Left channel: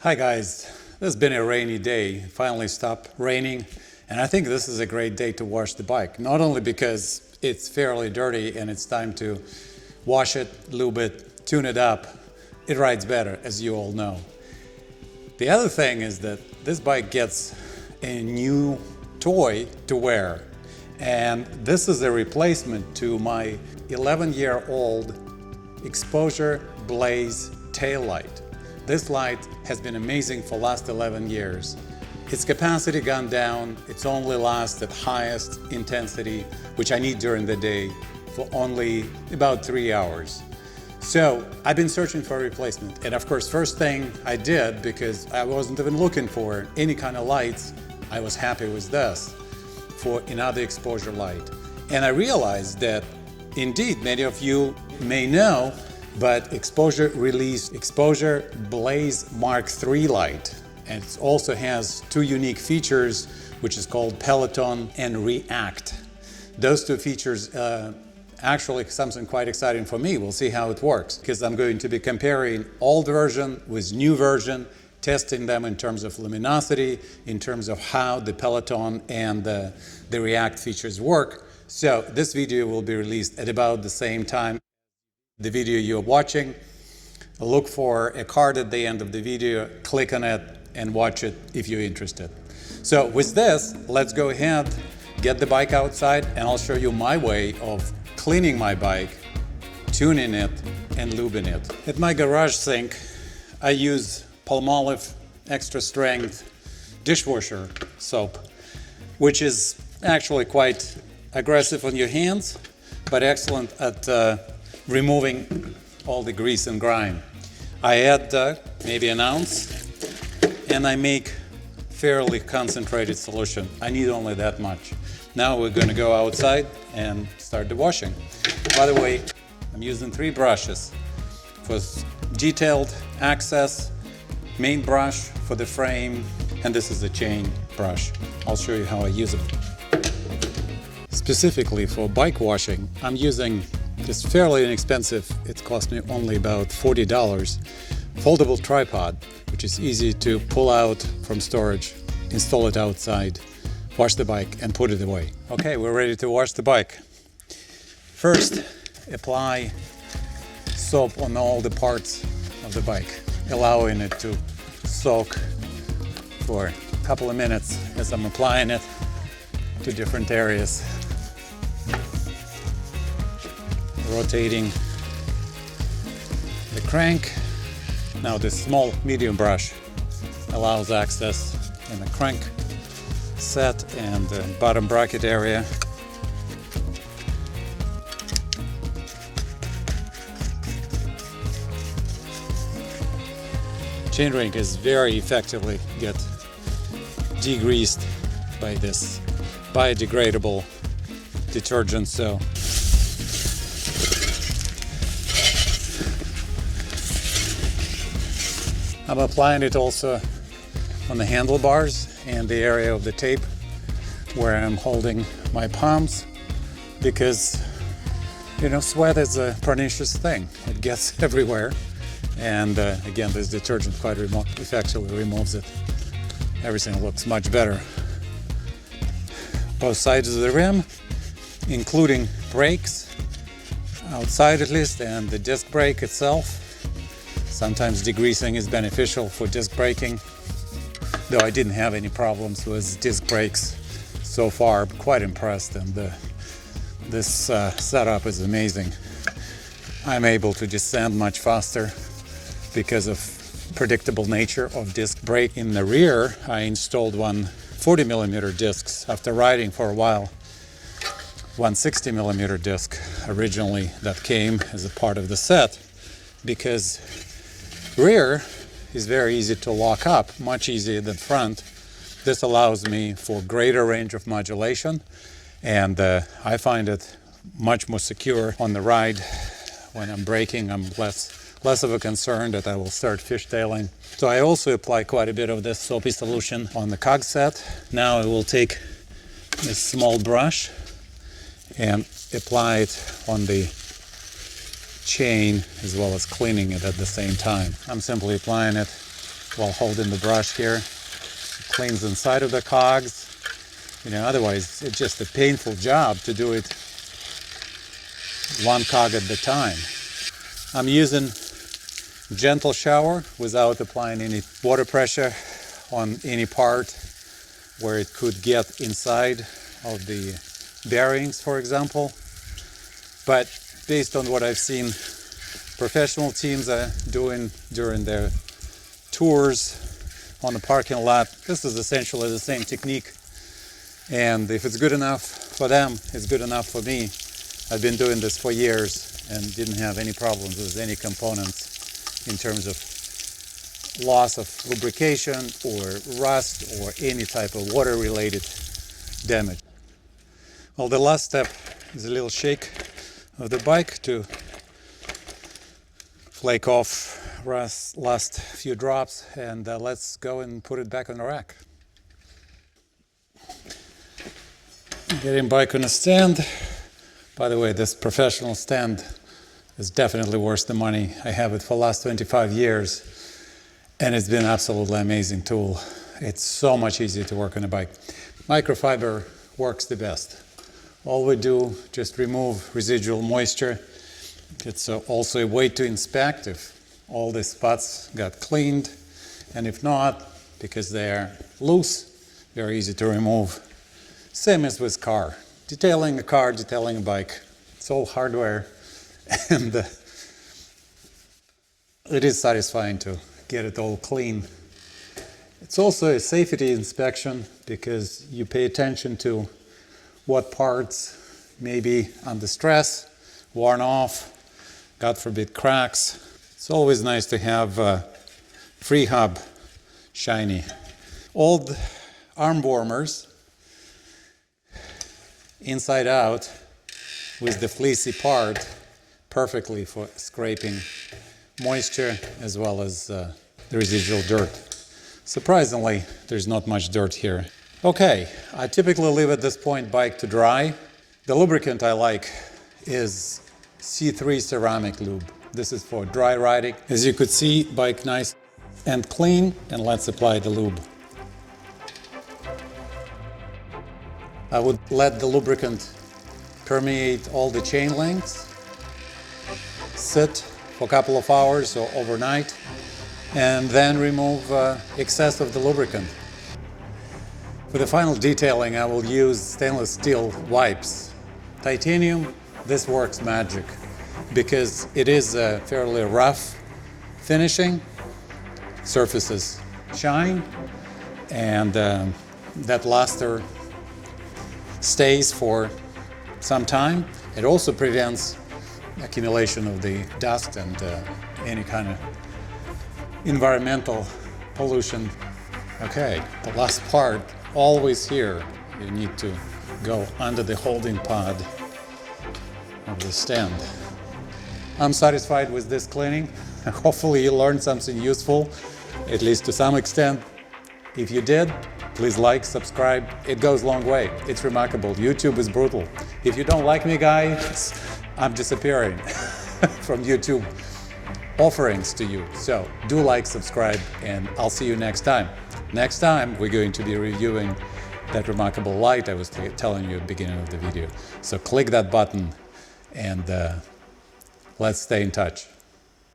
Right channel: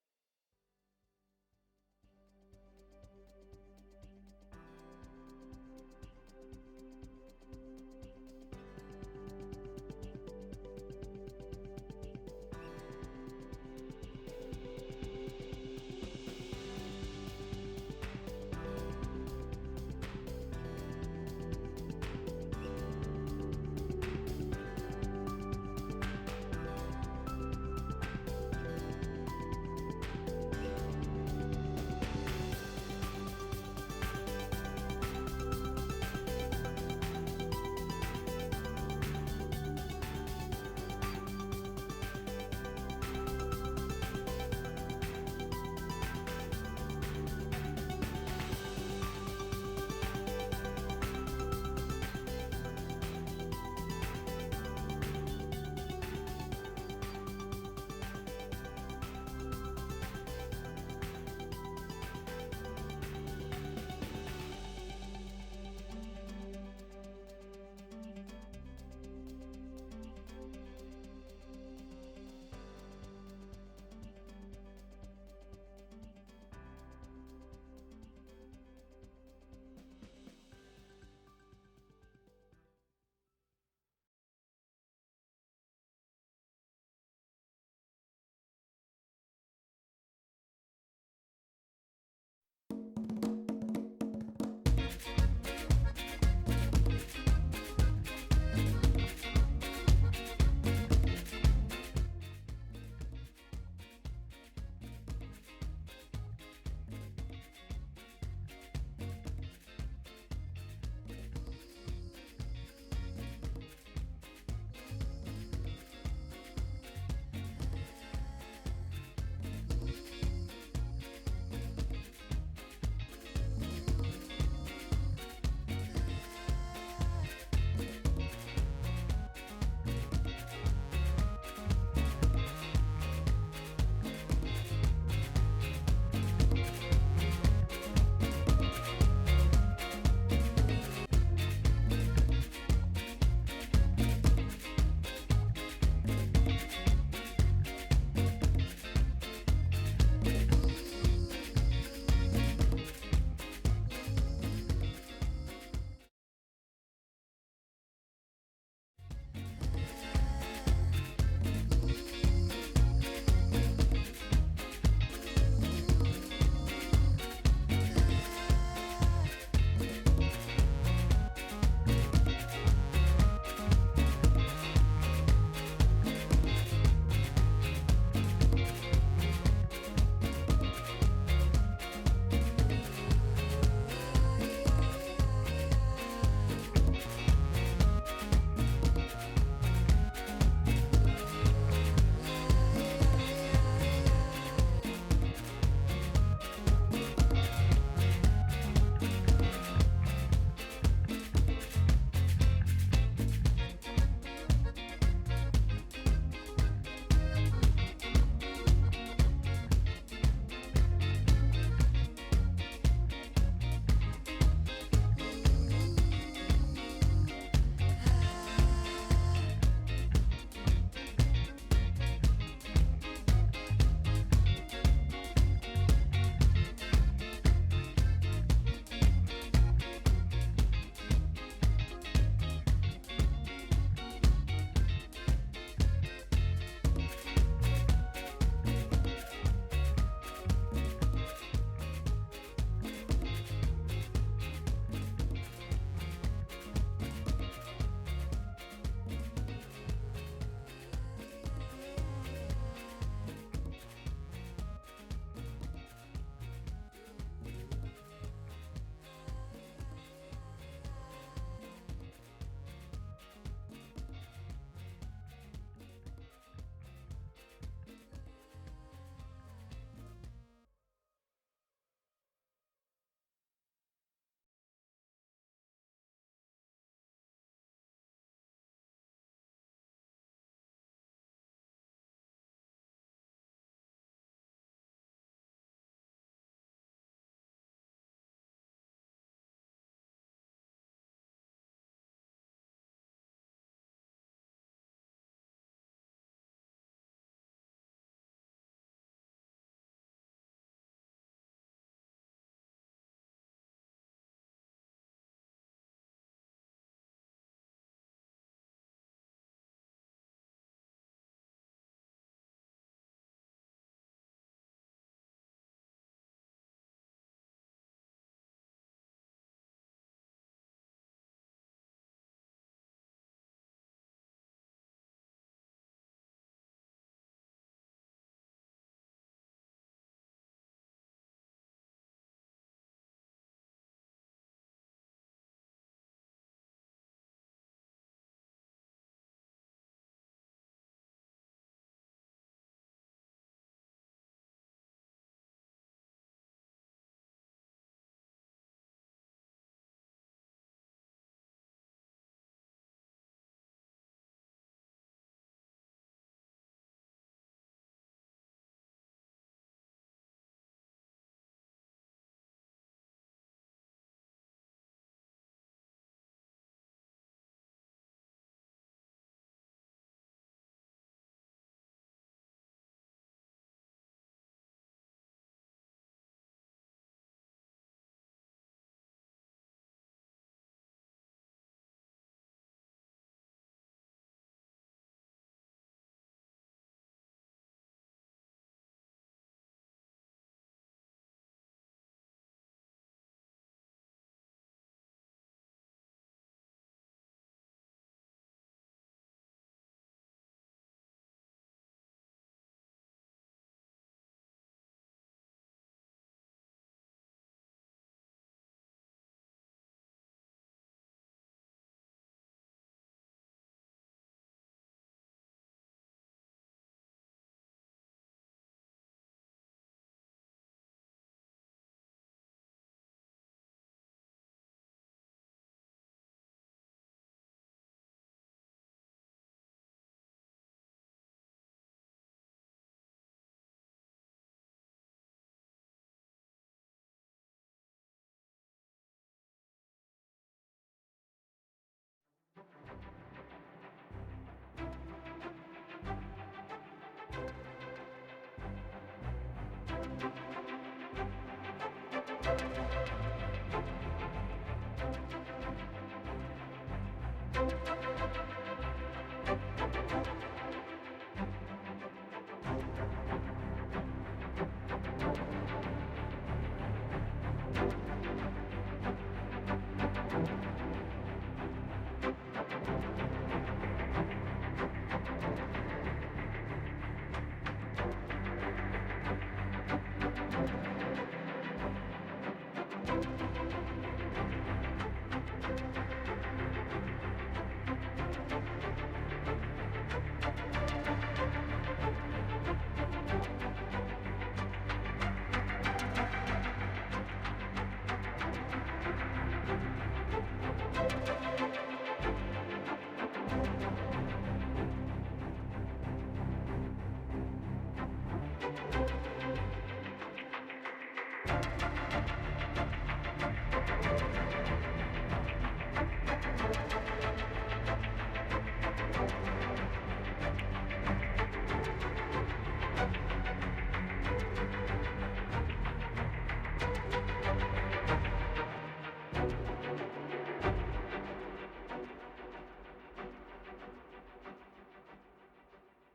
Hi guys, this has been a rainy day. It finally stopped raining, and I think this is a great day to wash the bike. Not only because it's fairly dirty and it's time to wash it, lube it, tune it up. It rides better, as you all know. The other thing is that this bike gets a new toy to wear, and this is a replacement to my 11-year-old Exposure Blaze tail light. This light has been amazing for the last 11 years. Its capacity gone down, it's only lasts at highest intensity, which I need during the day, for only about 3 hours. So I've been searching for a replacement. And of course, first thing I did, because I wasn't even looking for any kind of lights, I was happy with this for another exposure light. And I realized that indeed, many of you may know, but Exposure released Exposure Blaze Mark III light. And it also has two unique features, which is called Peloton and React. Those two features actually something quite exciting for me. We'll see how it works, because I'm going to be comparing old version with new version, testing them in terms of luminosity, in terms of how the Peloton and the React features work. So this video will be released at about the same time the video you're watching. Look for a card at the end of the video, click on it and watch it if you're interested. So with this, let's go ahead, get the bike outside, and I'll show you my way of cleaning my bike, tuning it and lubing it. At my garage sink, I use Palmolive extra strength dishwasher soap, which is actually quite aggressive on your hands, but excellent at removing all the grease and grime. I add maybe an ounce, and I make fairly concentrated solution. I need only that much. Now we're going to go outside and start the washing. By the way, I'm using 3 brushes for detailed access, main brush for the frame, and this is a chain brush. I'll show you how I use it. Specifically for bike washing, I'm using this fairly inexpensive, it cost me only about $40, foldable tripod, which is easy to pull out from storage, install it outside, wash the bike and put it away. Okay, we're ready to wash the bike. First, apply soap on all the parts of the bike, allowing it to soak for a couple of minutes as I'm applying it to different areas. Rotating the crank. Now this small medium brush allows access in the crank set and the bottom bracket area. Chainring is very effectively get degreased by this biodegradable detergent, so I'm applying it also on the handlebars and the area of the tape where I'm holding my palms, because sweat is a pernicious thing. It gets everywhere, and again, this detergent quite effectively removes it. Everything looks much better. Both sides of the rim, including brakes, outside at least, and the disc brake itself. Sometimes degreasing is beneficial for disc braking, though I didn't have any problems with disc brakes so far. I'm quite impressed, and this setup is amazing. I'm able to descend much faster because of predictable nature of disc brake. In the rear, I installed one 40mm discs after riding for a while. 160mm disc originally that came as a part of the set, because rear is very easy to lock up, much easier than front. This allows me for greater range of modulation, and I find it much more secure on the ride. When I'm braking, I'm less of a concern that I will start fishtailing. So I also apply quite a bit of this soapy solution on the cog set. Now I will take this small brush and apply it on the chain as well as cleaning it at the same time. I'm simply applying it while holding the brush here. It cleans inside of the cogs. You know, otherwise it's just a painful job to do it one cog at a time. I'm using gentle shower without applying any water pressure on any part where it could get inside of the bearings, for example. But based on what I've seen professional teams are doing during their tours on the parking lot, this is essentially the same technique. And if it's good enough for them, it's good enough for me. I've been doing this for years and didn't have any problems with any components in terms of loss of lubrication or rust or any type of water-related damage. Well, the last step is a little shake of the bike to flake off last few drops, and let's go and put it back on the rack. Getting bike on a stand. By the way, this professional stand is definitely worth the money. I have it for the last 25 years, and it's been an absolutely amazing tool. It's so much easier to work on a bike. Microfiber works the best. All we do, just remove residual moisture. It's also a way to inspect if all the spots got cleaned, and if not, because they are loose, very easy to remove. Same as with car. Detailing a car, detailing a bike, it's all hardware, and it is satisfying to get it all clean. It's also a safety inspection because you pay attention to what parts may be under stress, worn off, God forbid cracks. It's always nice to have free hub shiny. Old arm warmers, inside out, with the fleecy part, perfectly for scraping moisture as well as the residual dirt. Surprisingly, there's not much dirt here. Okay, I typically leave at this point bike to dry. The lubricant I like is C3 ceramic lube. This is for dry riding. As you could see, bike nice and clean, and let's apply the lube. I would let the lubricant permeate all the chain links, sit for a couple of hours or overnight, and then remove excess of the lubricant. For the final detailing, I will use stainless steel wipes. Titanium, this works magic because it is a fairly rough finishing. Surfaces shine, and that luster stays for some time. It also prevents accumulation of the dust and any kind of environmental pollution. Okay, the last part, always here, you need to go under the holding pod of the stand. I'm satisfied with this cleaning. Hopefully you learned something useful, at least to some extent. If you did, please like, subscribe. It goes a long way. It's remarkable. YouTube is brutal. If you don't like me, guys, I'm disappearing from YouTube offerings to you. So do like, subscribe, and I'll see you next time. Next time, we're going to be reviewing that remarkable light I was telling you at the beginning of the video. So click that button and let's stay in touch.